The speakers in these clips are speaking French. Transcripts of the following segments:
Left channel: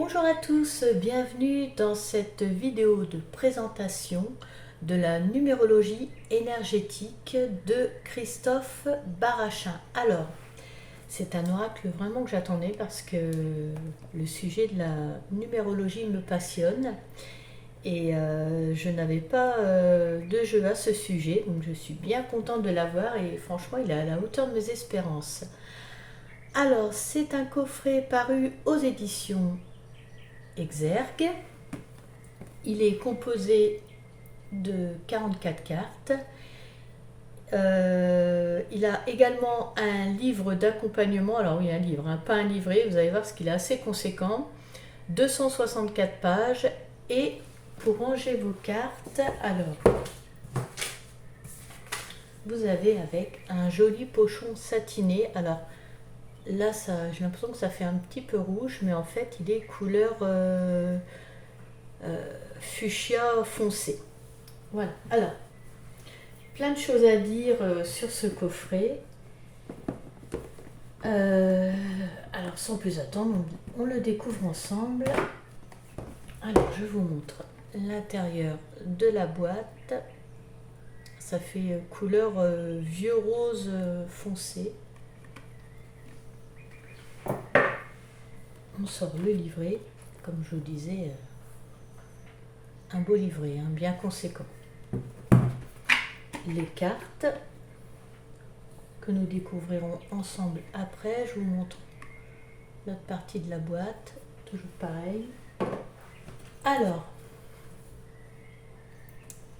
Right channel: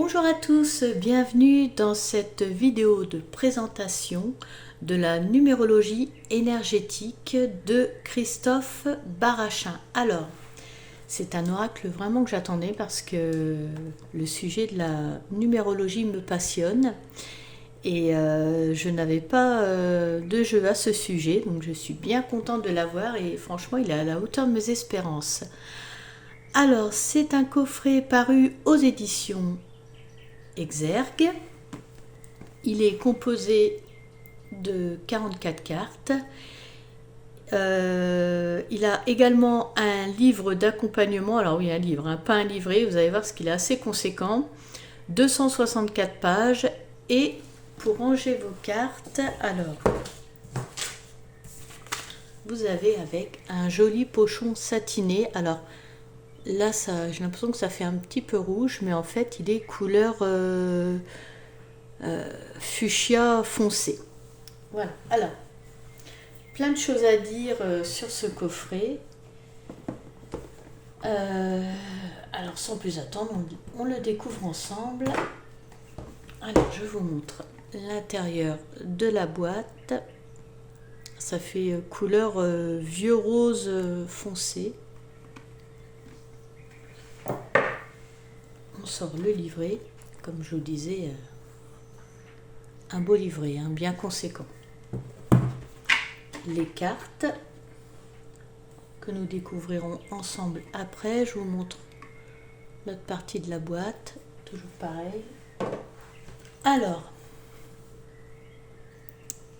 Bonjour à tous, bienvenue dans cette vidéo de présentation de la numérologie énergétique de Christophe Barachin. Alors, c'est un oracle vraiment que j'attendais parce que le sujet de la numérologie me passionne et je n'avais pas de jeu à ce sujet, donc je suis bien contente de l'avoir et franchement il est à la hauteur de mes espérances. Alors, c'est un coffret paru aux éditions Exergue. Il est composé de 44 cartes. Il a également un livre d'accompagnement. Alors oui, un livre, hein, pas un livret. Vous allez voir ce qu'il est assez conséquent. 264 pages. Et pour ranger vos cartes, alors, vous avez avec un joli pochon satiné. Alors, là, j'ai l'impression que ça fait un petit peu rouge, mais en fait, il est couleur fuchsia foncé. Voilà. Alors, plein de choses à dire sur ce coffret. Alors, sans plus attendre, on le découvre ensemble. Alors, je vous montre l'intérieur de la boîte. Ça fait couleur vieux rose foncé. On sort le livret, comme je vous disais, un beau livret, hein, bien conséquent. Les cartes que nous découvrirons ensemble après. Je vous montre l'autre partie de la boîte, toujours pareil. Alors,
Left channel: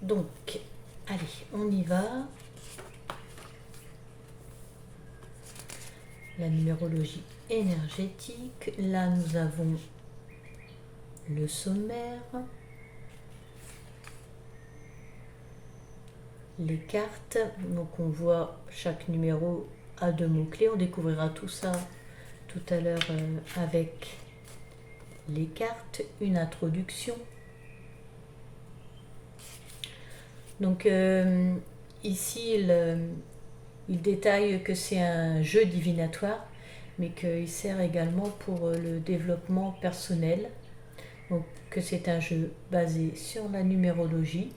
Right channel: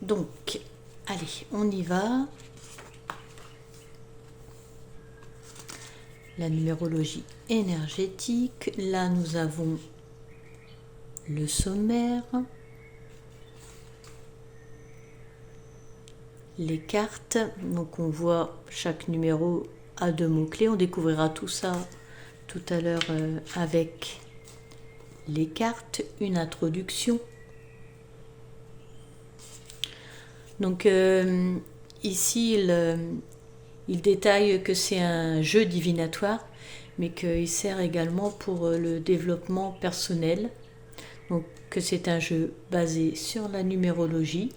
donc, allez, on y va. La numérologie énergétique. Là, nous avons le sommaire, les cartes. Donc, on voit chaque numéro a 2 mots-clés. On découvrira tout ça tout à l'heure avec les cartes, une introduction. Donc, ici, il détaille que c'est un jeu divinatoire, mais qu'il sert également pour le développement personnel. Donc que c'est un jeu basé sur la numérologie,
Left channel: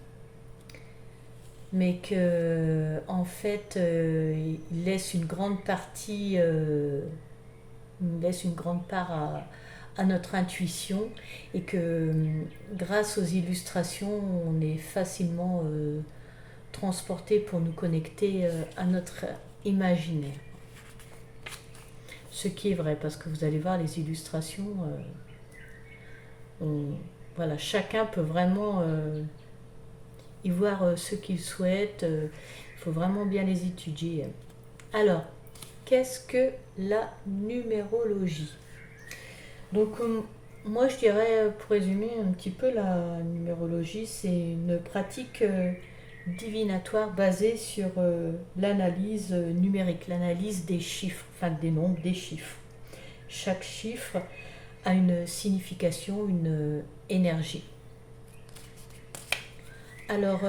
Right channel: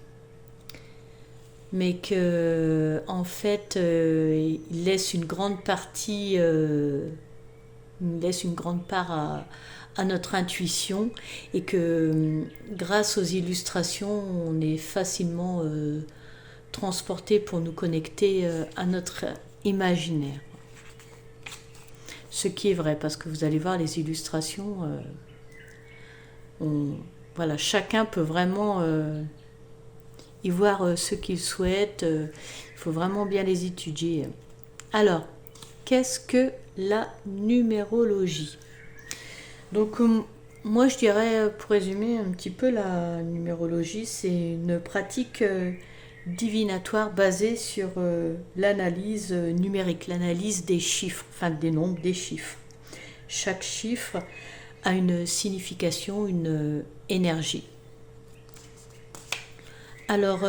mais que en fait il laisse une grande partie, il laisse une grande part à notre intuition, et que grâce aux illustrations, on est facilement transporté pour nous connecter à notre imaginaire. Ce qui est vrai, parce que vous allez voir les illustrations, voilà, chacun peut vraiment y voir ce qu'il souhaite. Il faut vraiment bien les étudier. Alors, qu'est-ce que la numérologie? Donc, moi je dirais, pour résumer un petit peu, la numérologie, c'est une pratique divinatoire basée sur l'analyse numérique, l'analyse des chiffres, enfin des nombres, des chiffres. Chaque chiffre a une signification, une énergie. Alors,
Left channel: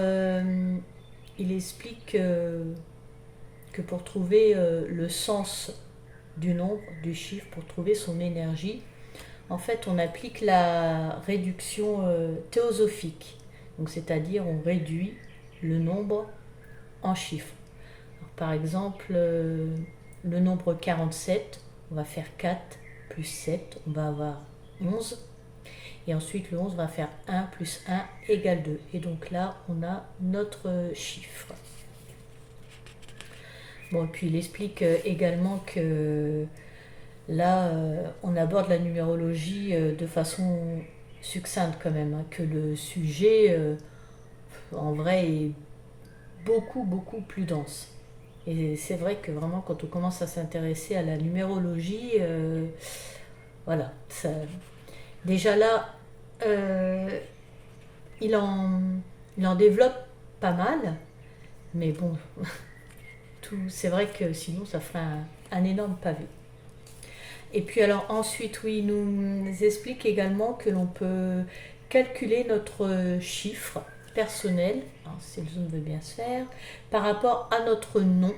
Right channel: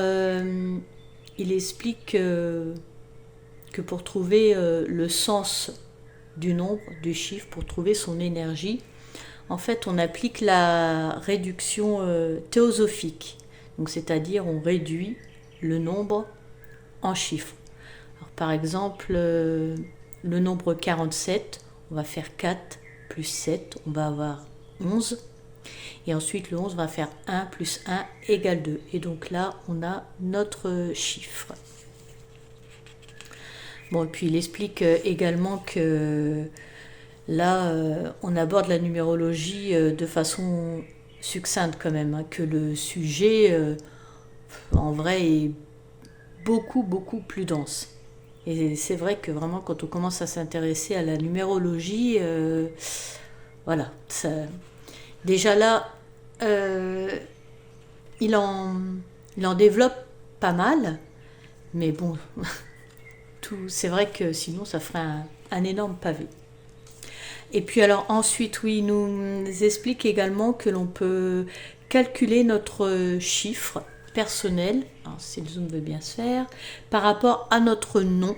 il explique que pour trouver le sens du nombre, du chiffre, pour trouver son énergie, en fait, on applique la réduction théosophique. Donc, c'est-à-dire, on réduit le nombre en chiffres. Alors, par exemple, le nombre 47, on va faire 4 plus 7, on va avoir 11. Et ensuite, le 11 va faire 1 plus 1 égale 2. Et donc là, on a notre chiffre. Bon, et puis il explique également que là, on aborde la numérologie de façon succincte quand même, hein, que le sujet, en vrai, est beaucoup, beaucoup plus dense. Et c'est vrai que vraiment, quand on commence à s'intéresser à la numérologie, voilà, ça, déjà là, il en développe pas mal, mais bon, c'est vrai que sinon ça ferait un énorme pavé. Et puis alors ensuite, oui, il nous explique également que l'on peut calculer notre chiffre personnel, si le zoom veut bien se faire, par rapport à notre nom,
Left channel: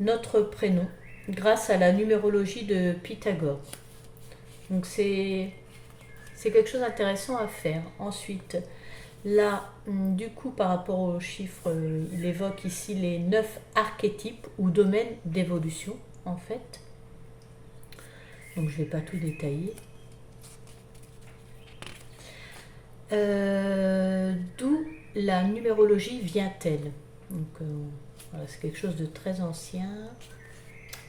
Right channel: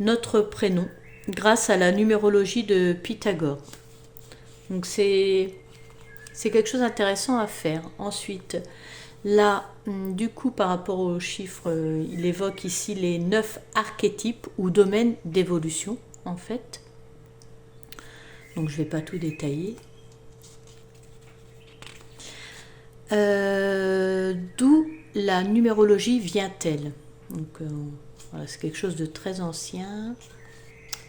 notre prénom, grâce à la numérologie de Pythagore. Donc c'est quelque chose d'intéressant à faire. Ensuite, là, du coup, par rapport aux chiffres, il évoque ici les 9 archétypes ou domaines d'évolution, en fait. Donc je ne vais pas tout détailler. D'où la numérologie vient-elle? Donc voilà, c'est quelque chose de très ancien.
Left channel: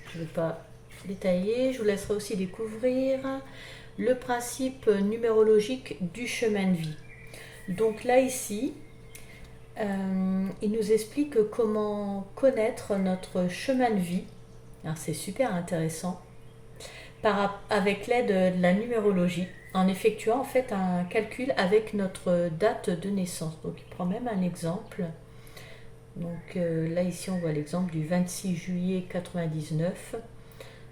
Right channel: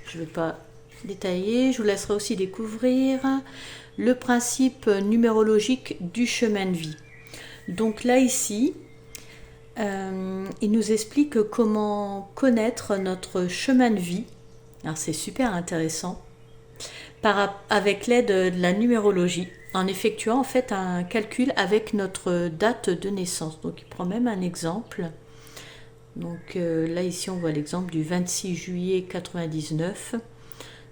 Je ne vais pas détailler. Je vous laisserai aussi découvrir le principe numérologique du chemin de vie. Donc là ici, il nous explique comment connaître notre chemin de vie. Alors c'est super intéressant. Avec l'aide de la numérologie, en effectuant en fait un calcul avec notre date de naissance. Donc il prend même un exemple. Donc là ici on voit l'exemple du 26 juillet 99.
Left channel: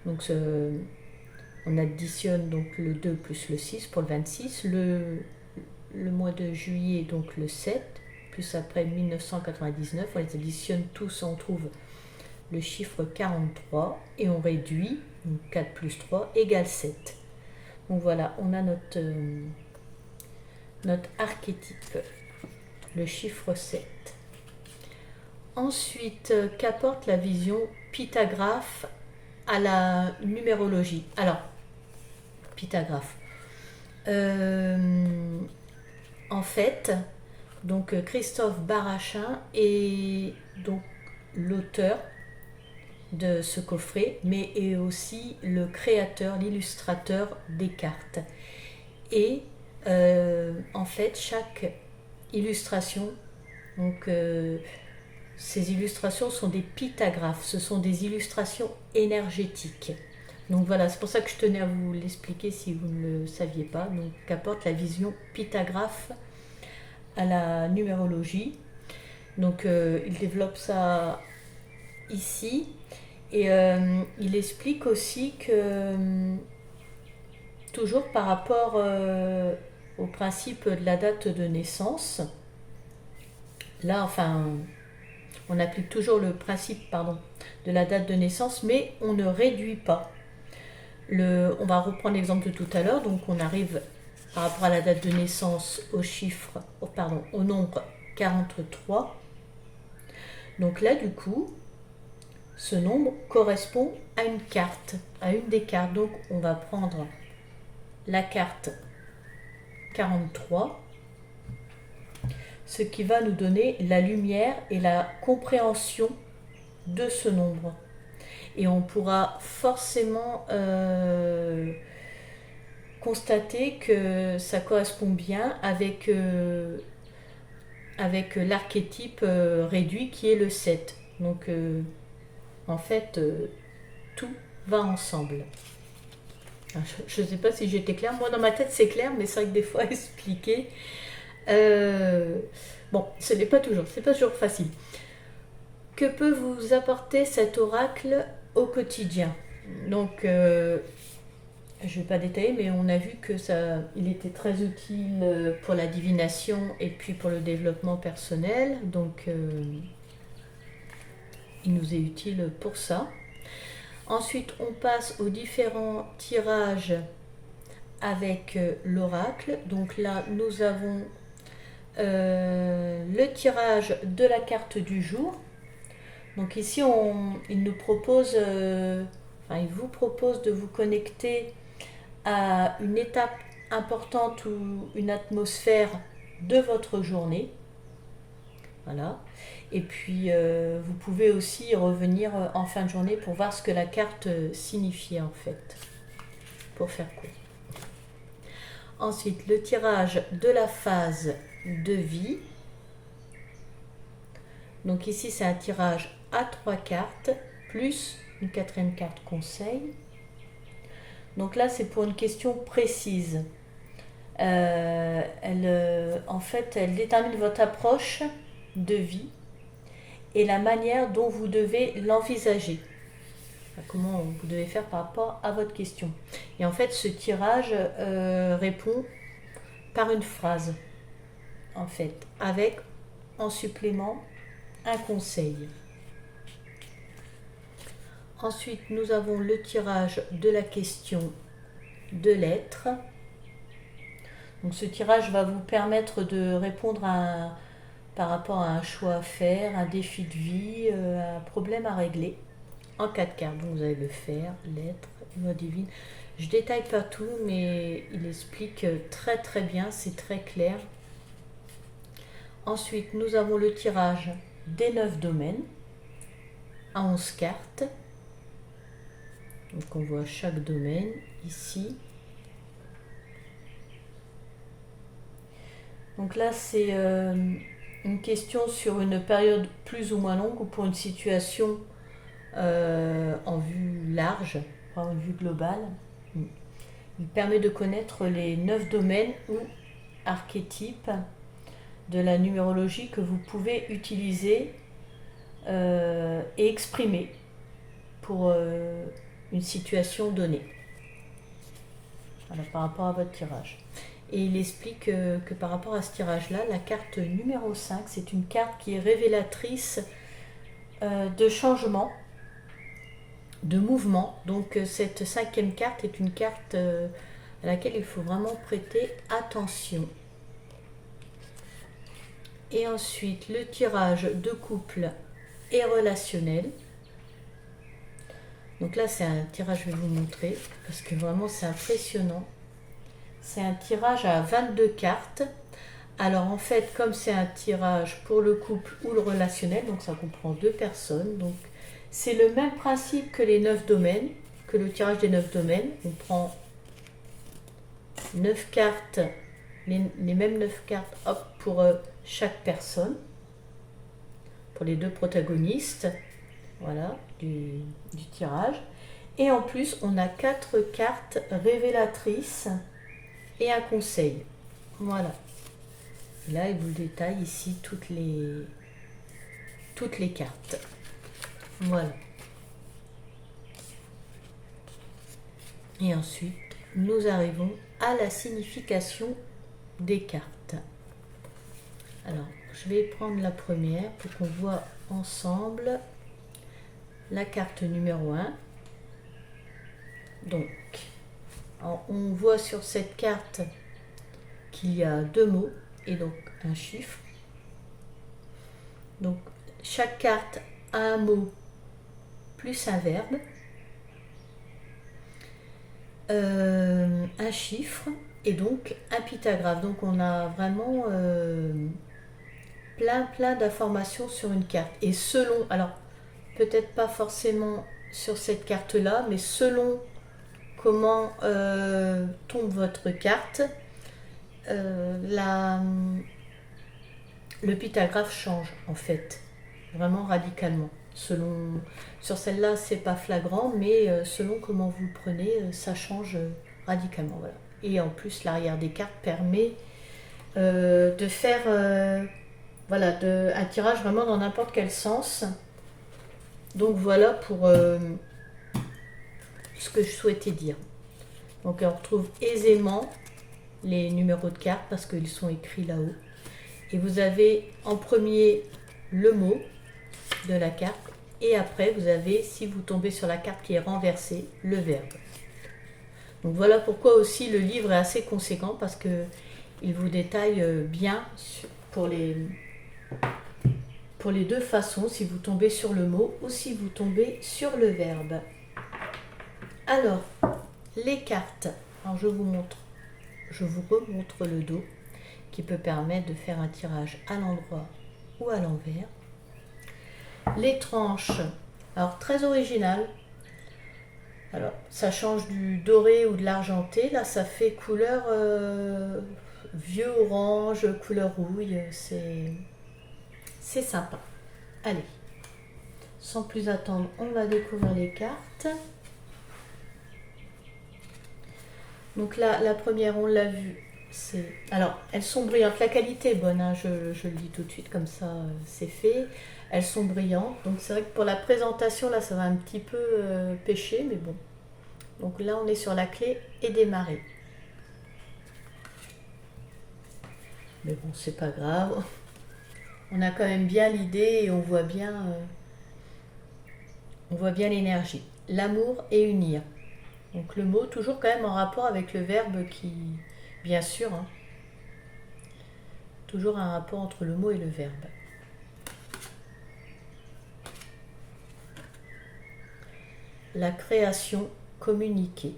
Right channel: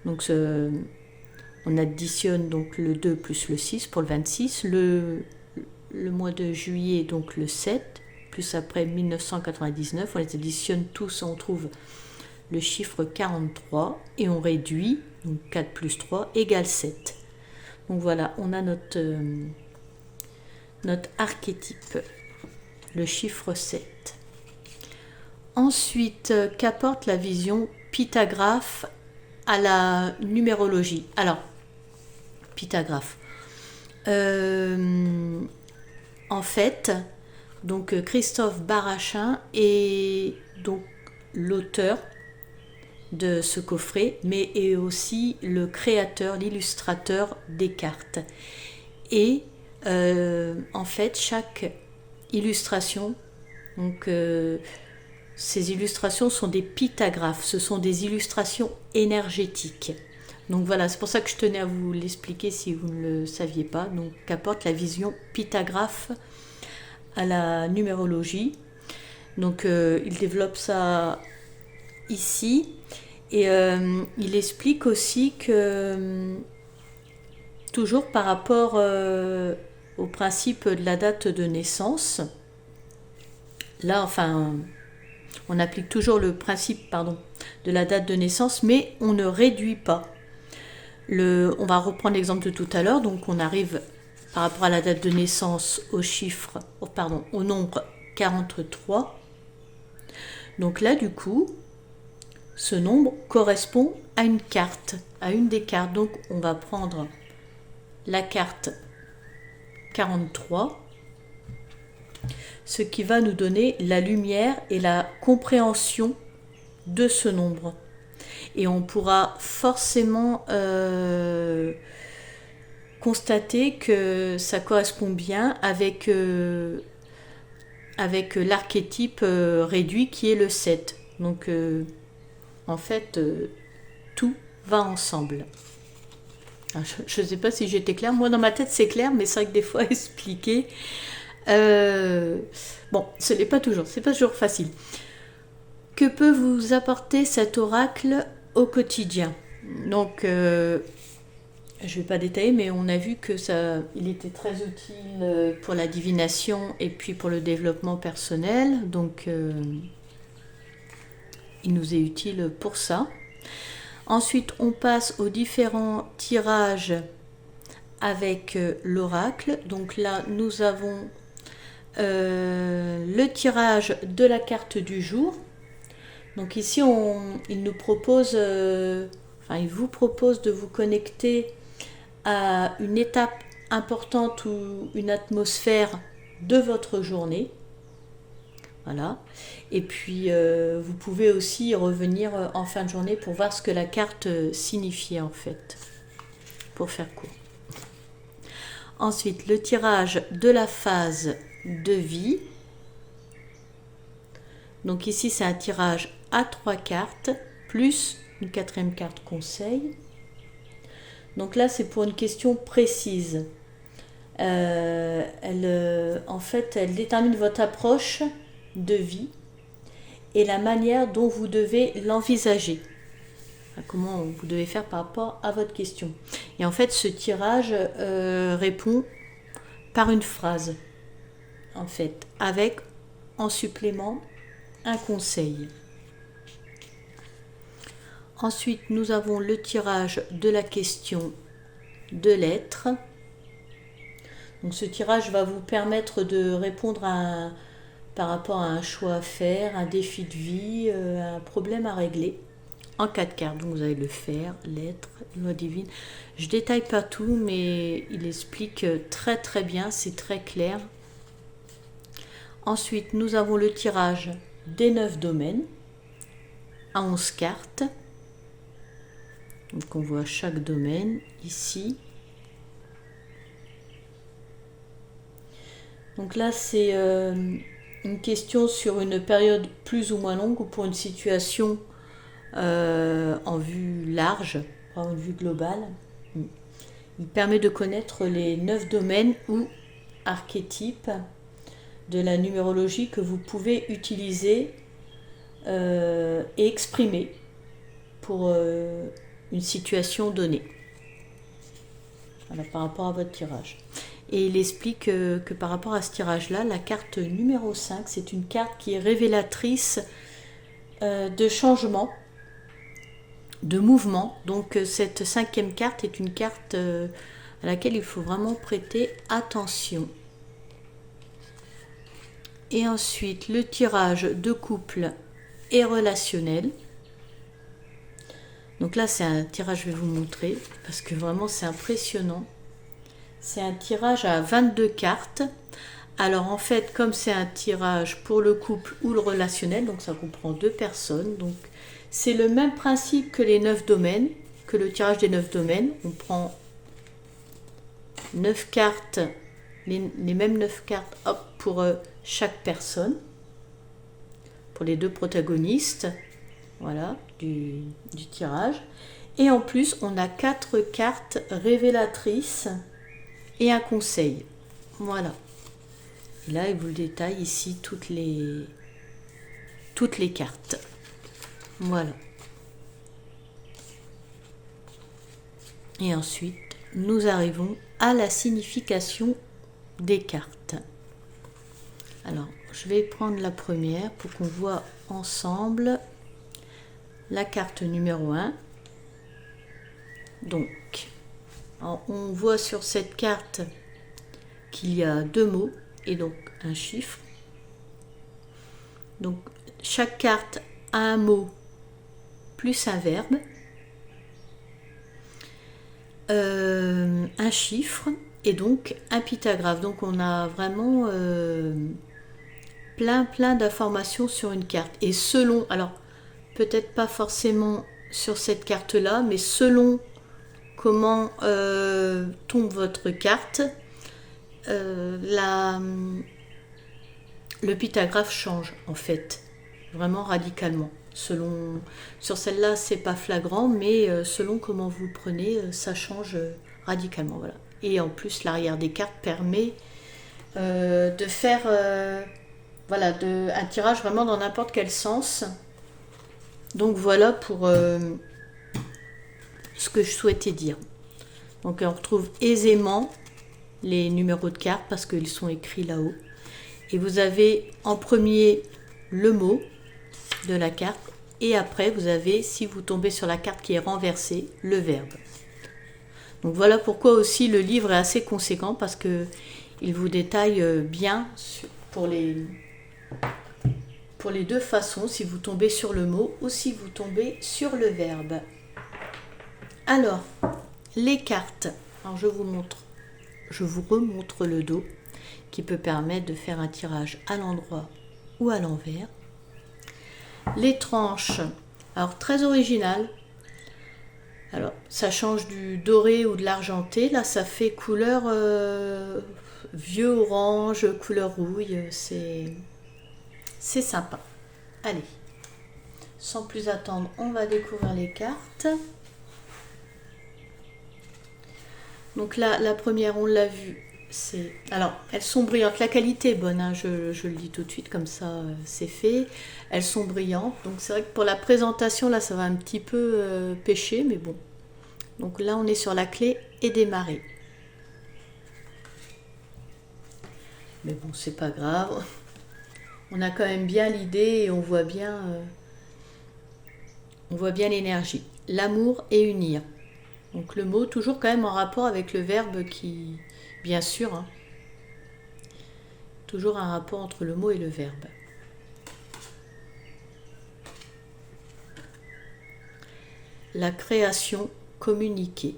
Donc on additionne donc le 2 plus le 6 pour le 26. Le mois de juillet donc le 7, plus après 1999. On les additionne tous, on trouve le chiffre 43 et on réduit, donc 4 plus 3 égale 7. Donc voilà, on a notre archétype, le chiffre 7. Ensuite, qu'apporte la vision pythagraphe à la numérologie? Alors, pythagraphe. En fait, donc Christophe Barachin est donc l'auteur de ce coffret, mais est aussi le créateur, l'illustrateur des cartes. Et en fait, chaque illustration, donc ces illustrations sont des pythagraphes, ce sont des illustrations énergétiques. Donc voilà, c'est pour ça que je tenais à vous l'expliquer si vous ne le saviez pas. Donc qu'apporte la vision pythagraphe à la numérologie. Donc il développe ça ici et il explique aussi que toujours par rapport au principe de la date de naissance, là enfin on applique toujours le principe de la date de naissance, mais on ne réduit pas. On va reprendre l'exemple de tout à l'heure, donc on arrive par rapport à la date de naissance au nombre 43. Donc là du coup, ce nombre correspond à une carte, à une des cartes. Donc on va prendre la carte 43, ce qui va nous donner la lumière et la compréhension de ce nombre. Et on pourra forcément constater que ça correspond bien avec l'archétype réduit qui est le 7. Donc en fait, tout va ensemble. Je ne sais pas si j'étais claire. Moi, dans ma tête, c'est clair, mais c'est vrai que des fois, expliquer... bon, ce n'est pas toujours. C'est pas toujours facile. Que peut vous apporter cet oracle au quotidien? Donc, je ne vais pas détailler, mais on a vu que il était très utile pour la divination et puis pour le développement personnel. Donc, il nous est utile pour ça. Ensuite, on passe aux différents tirages avec l'oracle. Donc là, nous avons le tirage de la carte du jour. Donc ici, il nous propose, il vous propose de vous connecter à une étape importante ou une atmosphère de votre journée. Voilà. Et puis, vous pouvez aussi revenir en fin de journée pour voir ce que la carte signifiait en fait, pour faire court. Ensuite, le tirage de la phase de vie. Donc ici, c'est un tirage à 3 cartes, plus une 4e carte conseil. Donc là, c'est pour une question précise. En fait, elle détermine votre approche de vie et la manière dont vous devez l'envisager. Comment vous devez faire par rapport à votre question. Et en fait, ce tirage répond par une phrase, en fait, avec en supplément un conseil. Ensuite, nous avons le tirage de la question de lettres. Donc ce tirage va vous permettre de répondre par rapport à un choix à faire, un défi de vie, un problème à régler en 4 cartes. Donc vous avez le fer, l'être, loi divine. Je détaille pas tout, mais il explique très très bien, c'est très clair. Ensuite, nous avons le tirage des 9 domaines à 11 cartes. Donc on voit chaque domaine ici. Donc là, c'est une question sur une période plus ou moins longue ou pour une situation en vue large, en vue globale. Il permet de connaître les 9 domaines ou archétypes de la numérologie que vous pouvez utiliser et exprimer pour une situation donnée. Voilà, par rapport à votre tirage. Et il explique que par rapport à ce tirage-là, la carte numéro 5, c'est une carte qui est révélatrice de changement, de mouvement. Donc cette 5e carte est une carte à laquelle il faut vraiment prêter attention. Et ensuite, le tirage de couple et relationnel. Donc là, c'est un tirage, je vais vous montrer, parce que vraiment, c'est impressionnant. C'est un tirage à 22 cartes. Alors en fait, comme c'est un tirage pour le couple ou le relationnel, donc ça comprend 2 personnes. Donc c'est le même principe que les 9 domaines, que le tirage des 9 domaines. On prend 9 cartes, les mêmes 9 cartes hop, pour chaque personne, pour les 2 protagonistes, voilà, du tirage. Et en plus, on a 4 cartes révélatrices et un conseil. Voilà. Et là, il vous détaille ici toutes les cartes. Voilà. Et ensuite, nous arrivons à la signification des cartes. Alors, je vais prendre la première pour qu'on voit ensemble la carte numéro 1. Donc, on voit sur cette carte qu'il y a 2 mots et donc un chiffre. Donc, chaque carte a un mot plus un verbe, un chiffre et donc un pytagraphe. Donc, on a vraiment plein d'informations sur une carte. Et selon, alors peut-être pas forcément sur cette carte-là, mais selon comment tombe votre carte, le pytagraphe change en fait, vraiment radicalement. Sur celle-là, c'est pas flagrant, mais selon comment vous prenez, ça change radicalement. Voilà. Et en plus, l'arrière des cartes permet de faire voilà, un tirage vraiment dans n'importe quel sens. Donc voilà pour ce que je souhaitais dire. Donc on retrouve aisément les numéros de cartes parce qu'ils sont écrits là-haut. Et vous avez en premier le mot de la carte et après vous avez, si vous tombez sur la carte qui est renversée, le verbe. Donc voilà pourquoi aussi le livre est assez conséquent parce que il vous détaille bien pour les 2 façons, si vous tombez sur le mot ou si vous tombez sur le verbe. Alors, les cartes. Alors je vous remontre le dos qui peut permettre de faire un tirage à l'endroit ou à l'envers. Les tranches, alors très original. Alors ça change du doré ou de l'argenté. Là ça fait couleur vieux orange, couleur rouille. C'est sympa. Allez, sans plus attendre, on va découvrir les cartes. Donc là, la première, on l'a vue. Alors, elles sont brillantes. La qualité est bonne, hein, je le dis tout de suite, comme ça, c'est fait. Elles sont brillantes. Donc c'est vrai que pour la présentation, là, ça va un petit peu pêcher, mais bon. Donc là, on est sur la clé et démarrer. Mais bon, c'est pas grave. On a quand même bien l'idée et on voit bien l'énergie. L'amour et unir. Donc le mot toujours quand même en rapport avec le verbe qui, bien sûr, hein, toujours un rapport entre le mot et le verbe. La création communiquée.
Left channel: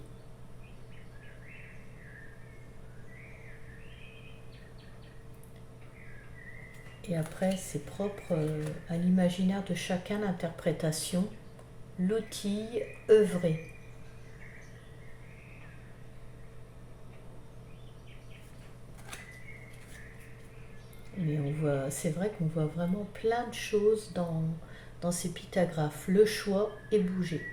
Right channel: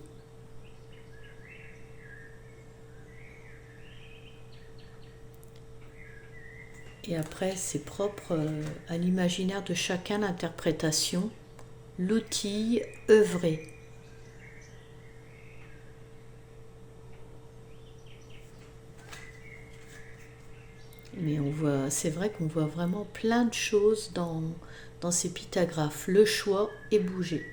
Et après, c'est propre à l'imaginaire de chacun, l'interprétation. L'outil œuvrer. Mais on voit, c'est vrai qu'on voit vraiment plein de choses dans ces pythagraphes. Le choix et bouger.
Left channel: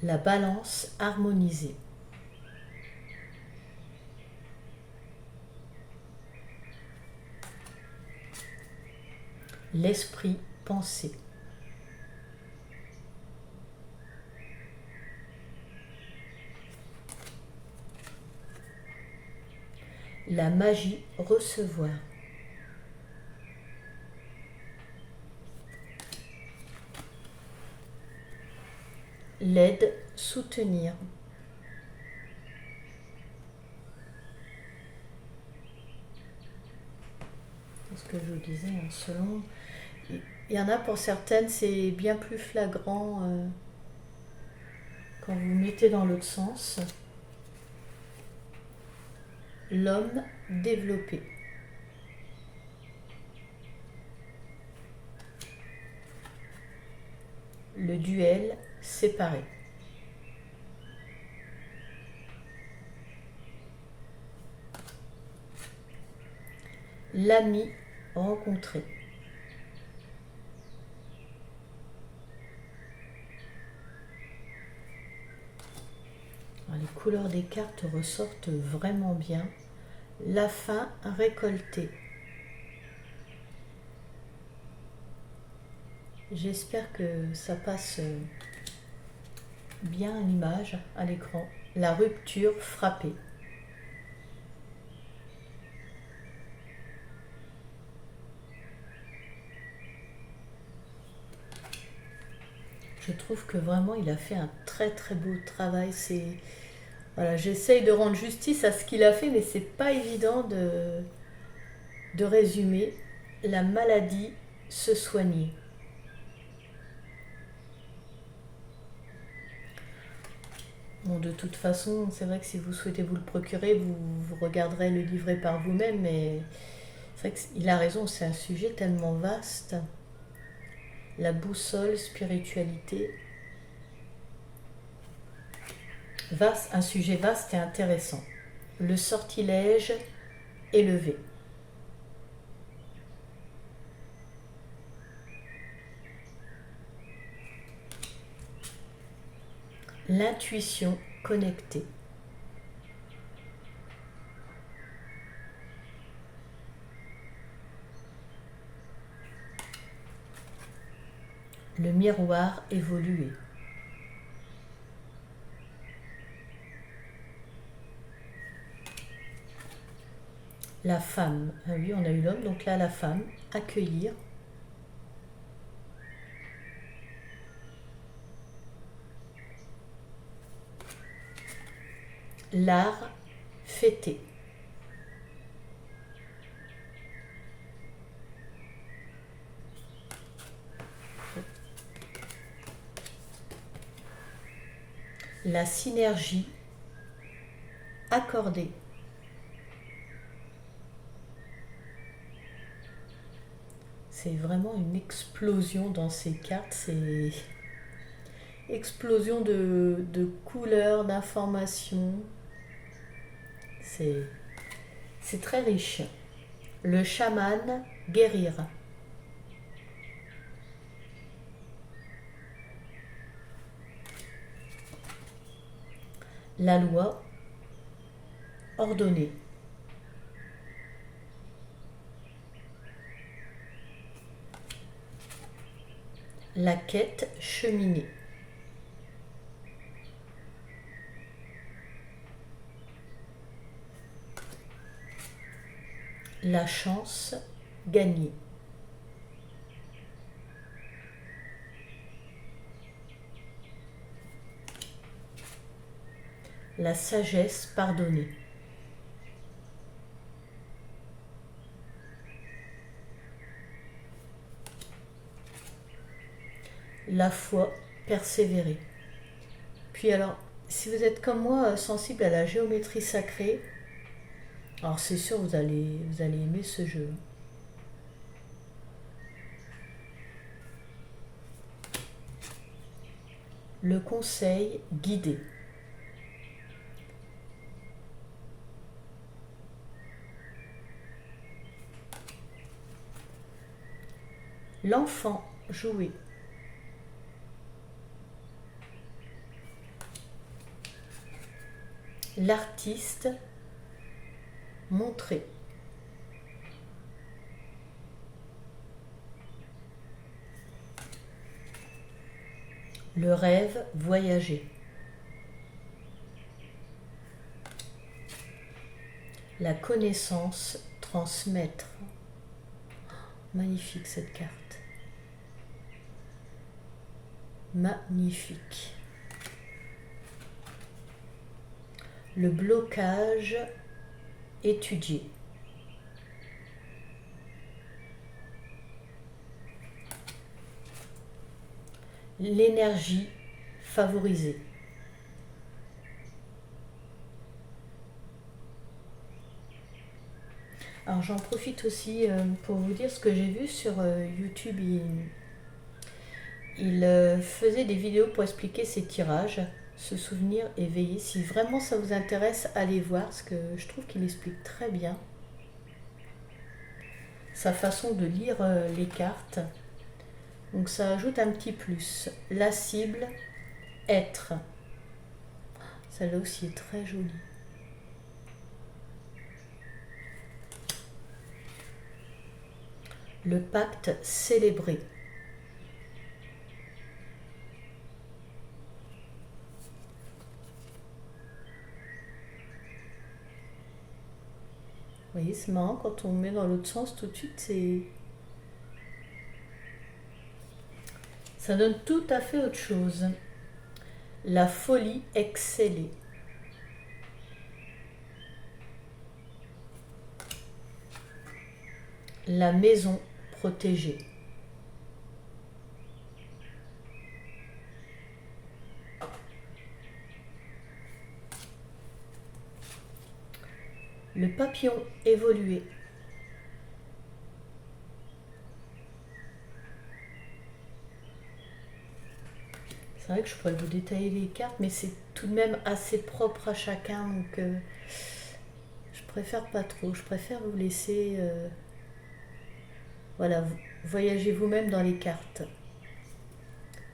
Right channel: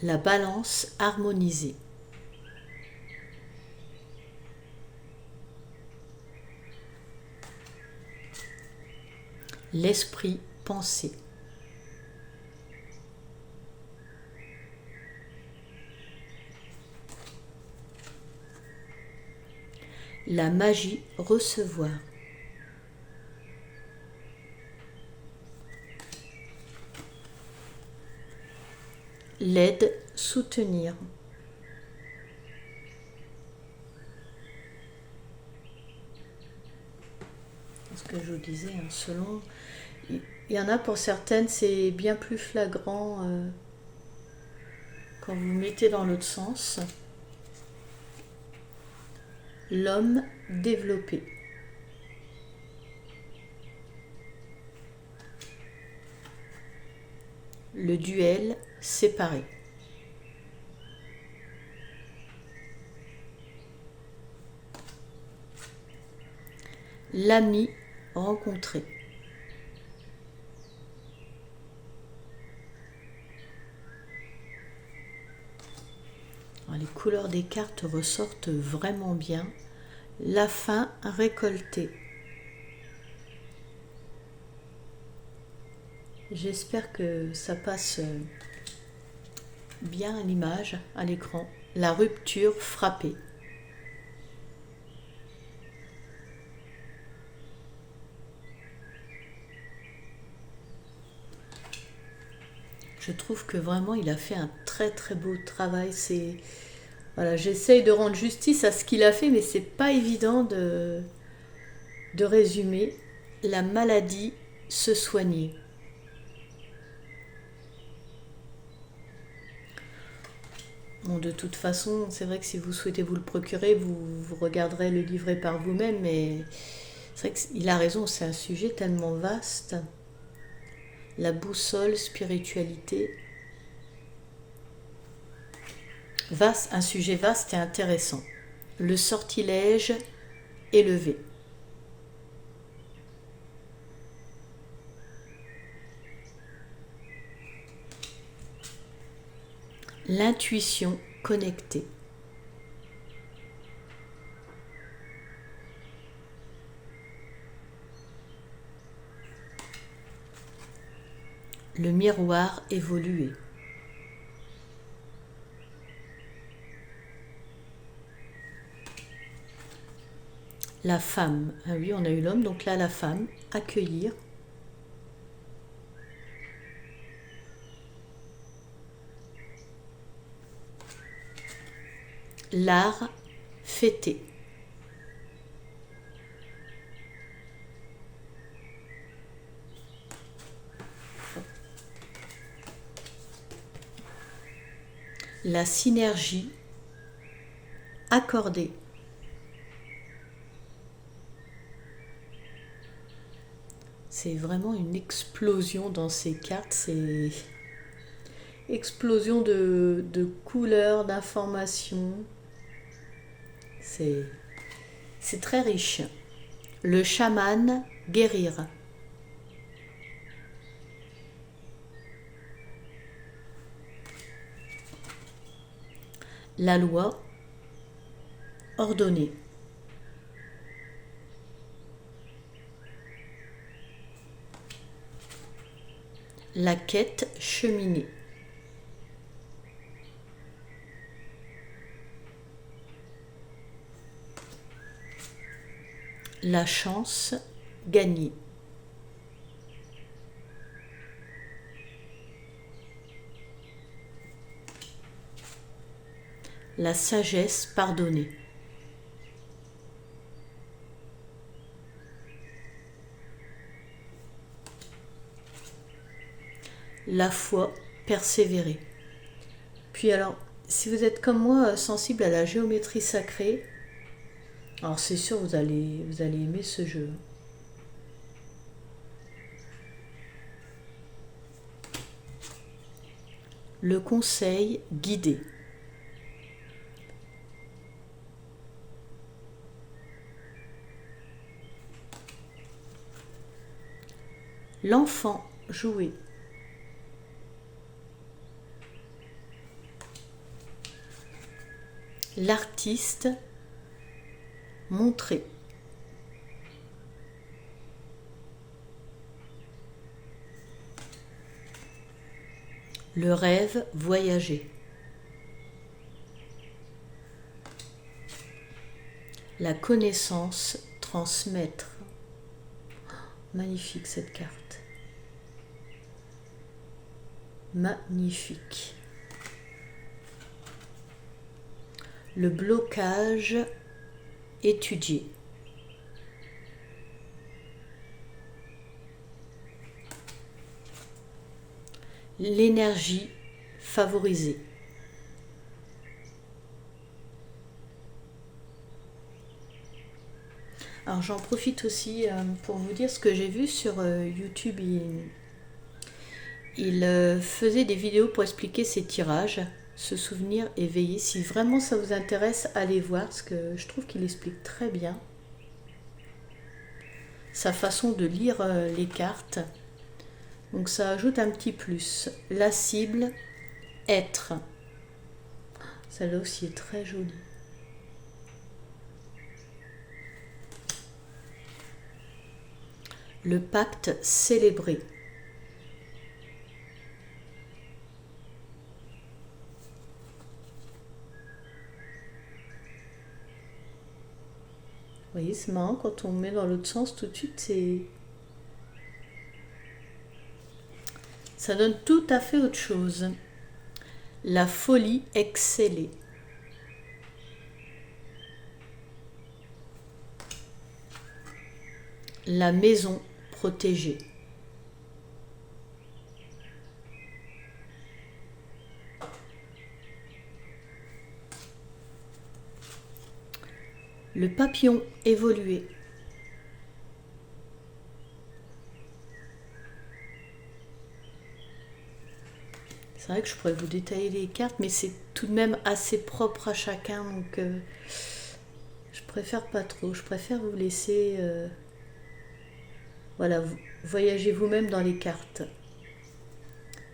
La balance harmonisée. L'esprit pensé. La magie recevoir. L'aide soutenir. C'est ce que je vous disais, hein, selon. Il y en a pour certaines, c'est bien plus flagrant quand vous mettez dans l'autre sens. L'homme développé. Le duel séparé. L'ami rencontré. Les couleurs des cartes ressortent vraiment bien. La fin récoltée. J'espère que ça passe bien à l'image, à l'écran. La rupture frappée. Je trouve que vraiment il a fait un très très beau travail. Voilà, j'essaye de rendre justice à ce qu'il a fait, mais c'est pas évident de résumer. La maladie se soigner. Bon, de toute façon, c'est vrai que si vous souhaitez vous le procurer, vous regarderez le livret par vous-même, mais c'est vrai qu'il a raison, c'est un sujet tellement vaste. La boussole, spiritualité. Vaste, un sujet vaste et intéressant. Le sortilège élevé. L'intuition connectée. Le miroir évolué. La femme. Ah oui, on a eu l'homme, donc là la femme. Accueillir. L'art fêté. La synergie accordée. C'est vraiment une explosion dans ces cartes, c'est explosion de couleurs, d'informations. C'est très riche. Le chaman guérir. La loi ordonnée. La quête cheminée. La chance gagnée. la sagesse pardonnée. La foi persévérer. Puis alors, si vous êtes comme moi sensible à la géométrie sacrée, alors c'est sûr vous allez aimer ce jeu. Le conseil guidé. L'enfant jouer. L'artiste montrer. Le rêve voyager. La connaissance transmettre. Magnifique cette carte. Magnifique. Le blocage étudié. L'énergie favorisée. Alors j'en profite aussi pour vous dire ce que j'ai vu sur YouTube. Il faisait des vidéos pour expliquer ses tirages, se souvenir et veiller. Si vraiment ça vous intéresse, allez voir, parce que je trouve qu'il explique très bien sa façon de lire les cartes. Donc ça ajoute un petit plus. La cible, être. Celle-là aussi est très jolie. Le pacte célébré. Vous voyez, c'est marrant quand on met dans l'autre sens tout de suite, ça donne tout à fait autre chose. La folie excellée. La maison protégée. Le papillon évolué. C'est vrai que je pourrais vous détailler les cartes, mais c'est tout de même assez propre à chacun, donc je préfère pas trop. Je préfère vous laisser voilà, voyager vous-même dans les cartes.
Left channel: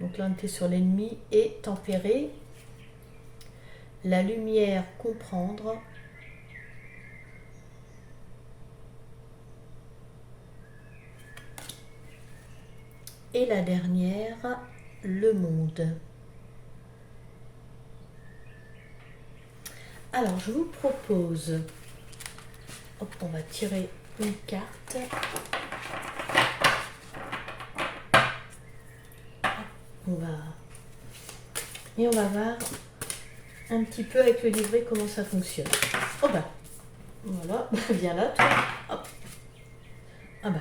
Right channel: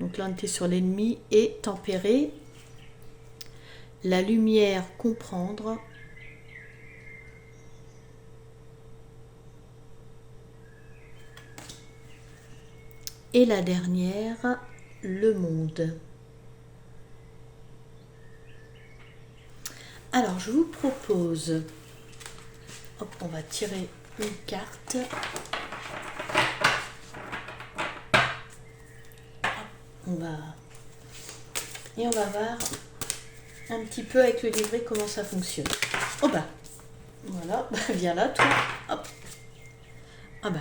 Donc là, on était sur l'ennemi et tempéré. La lumière comprendre. Et la dernière, le monde. Alors, je vous propose, hop, on va tirer une carte. On va voir un petit peu avec le livret comment ça fonctionne. Oh bah, voilà, viens là, toi. Hop. Ah bah.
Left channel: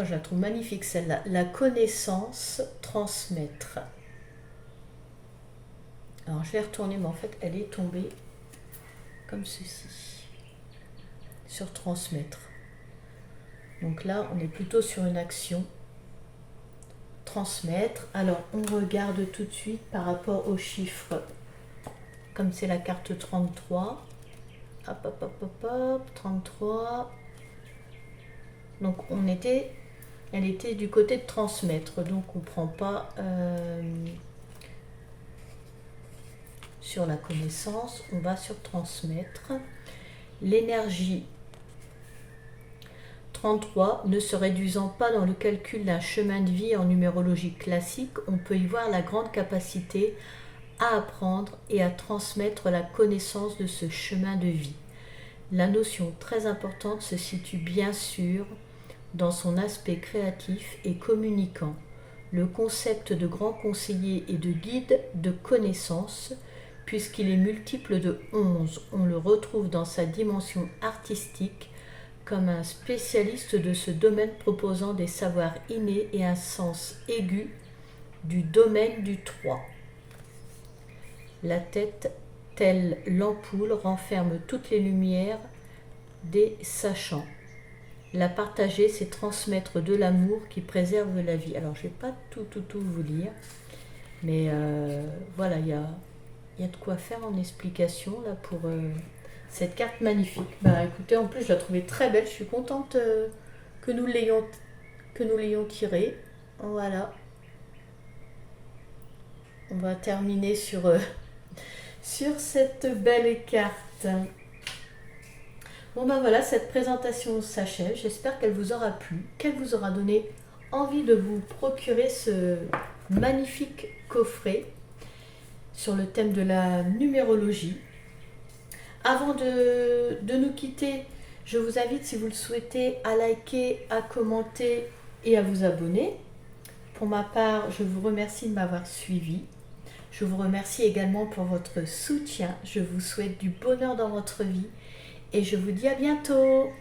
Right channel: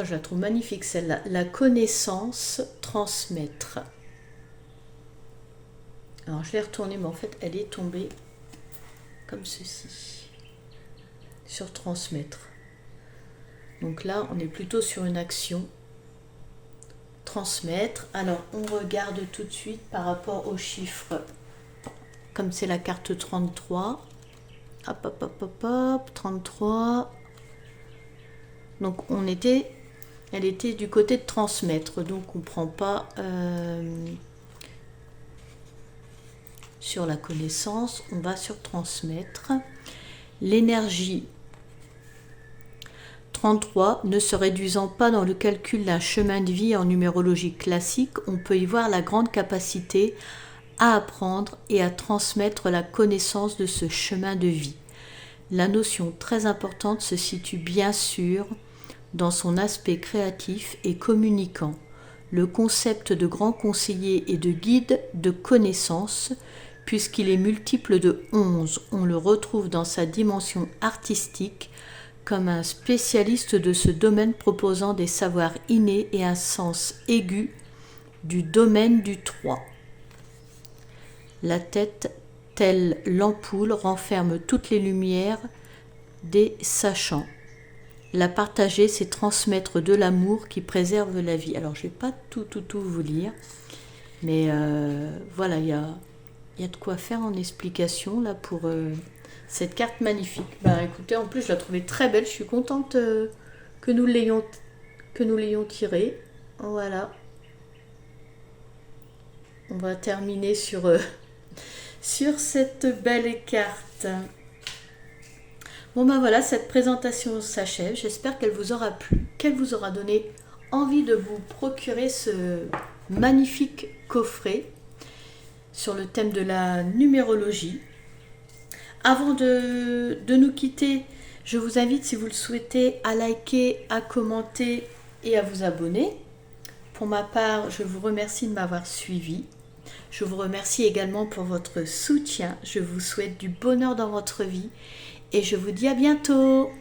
Oh, je la trouve magnifique celle-là. La connaissance transmettre. Alors je l'ai retournée, mais en fait elle est tombée comme ceci. Sur transmettre. Donc là on est plutôt sur une action. Transmettre. Alors on regarde tout de suite par rapport aux chiffres. Comme c'est la carte 33. Hop, hop, hop, hop, hop. 33. Donc elle était du côté de transmettre, donc on ne prend pas sur la connaissance, on va sur transmettre. L'énergie 33, ne se réduisant pas dans le calcul d'un chemin de vie en numérologie classique, on peut y voir la grande capacité à apprendre et à transmettre la connaissance de ce chemin de vie. La notion très importante se situe bien sûr dans son aspect créatif et communicant. le concept de grand conseiller et de guide de connaissance, puisqu'il est multiple de 11. On le retrouve dans sa dimension artistique comme un spécialiste de ce domaine proposant des savoirs innés et un sens aigu du domaine du 3. La tête, telle l'ampoule, renferme toutes les lumières des sachants. La partager, c'est transmettre de l'amour qui préserve la vie. Alors, je ne vais pas tout vous lire, mais voilà, il y a de quoi faire en explication là pour cette carte magnifique. Bah, écoutez, en plus, je la trouvais très belle. Je suis contente que nous l'ayons tirée. Voilà. On va terminer sur cette belle carte. Bon ben voilà, cette présentation s'achève. J'espère qu'elle vous aura plu, qu'elle vous aura donné envie de vous procurer ce magnifique coffret sur le thème de la numérologie. Avant de nous quitter, je vous invite, si vous le souhaitez, à liker, à commenter et à vous abonner. Pour ma part, je vous remercie de m'avoir suivi. Je vous remercie également pour votre soutien. Je vous souhaite du bonheur dans votre vie et je vous dis à bientôt.